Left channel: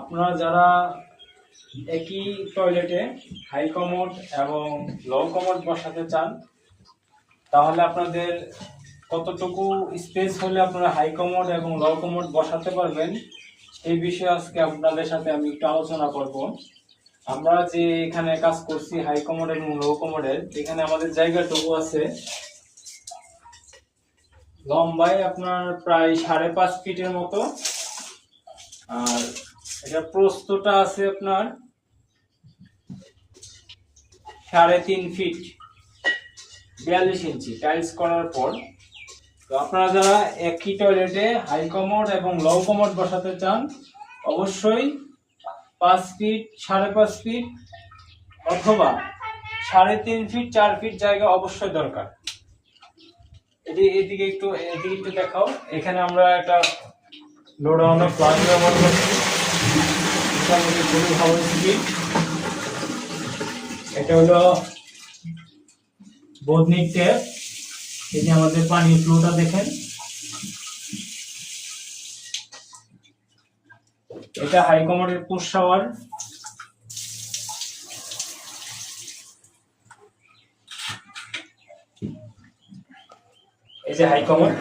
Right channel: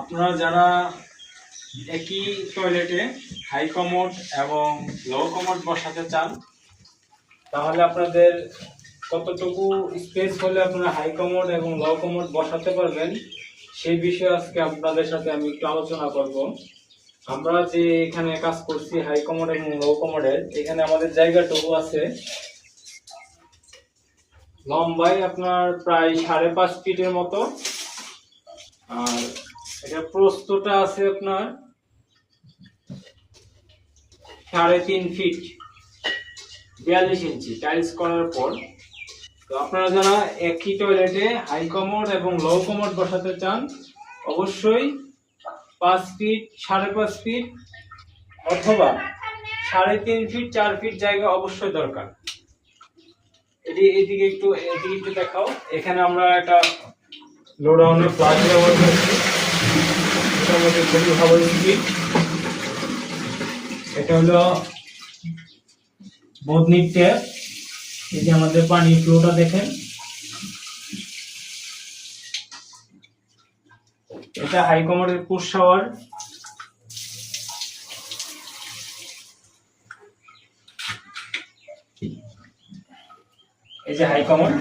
আপনারা যারা একই টয়লেটে হাই কমোড এবং লো কমোড বসাতে চান, তাহলে আপনাদের কতটুকু স্পেস হলে আপনারা হাই কমোড এবং লো কমোড বসাতে পারবেন সেই বিষয়ে আজকে আপনাদের সাথে আমি একটু আলোচনা করব। আমরা যে এখানে কাজ করছি হাই কমোড এবং লো কমোডের, এখানে আমাদের জায়গাটুকু আছে লম্বায় আপনার প্রায় 5.5 ফিটের মতো, আর এটা প্রস্থটা আছে আপনার 3.5 ফিট 42 ইঞ্চি টাইলস করার পর। তো আপনারা যারা একই টয়লেটে হাই কমোড এবং লো কমোড বসাতে চান, অবশ্যই 5 ফিট 5.5 ফিট অথবা 3.5 ফিট 4 ফিট জায়গা অবশ্যই দরকার। এদিকে একটু দেখাও। এখানে আমরা একটা লোডাউনের প্লাগ ব্যবহার করছি, এটা আমাদের খুবই ভালো স্কিম। এটা হলো বদনির ট্যাপ। এই যে আমাদের পানির ফ্লোটা দেখেন, এটা হাই কমোডের পুশ শাওয়ার। এই যে হাই কমোড,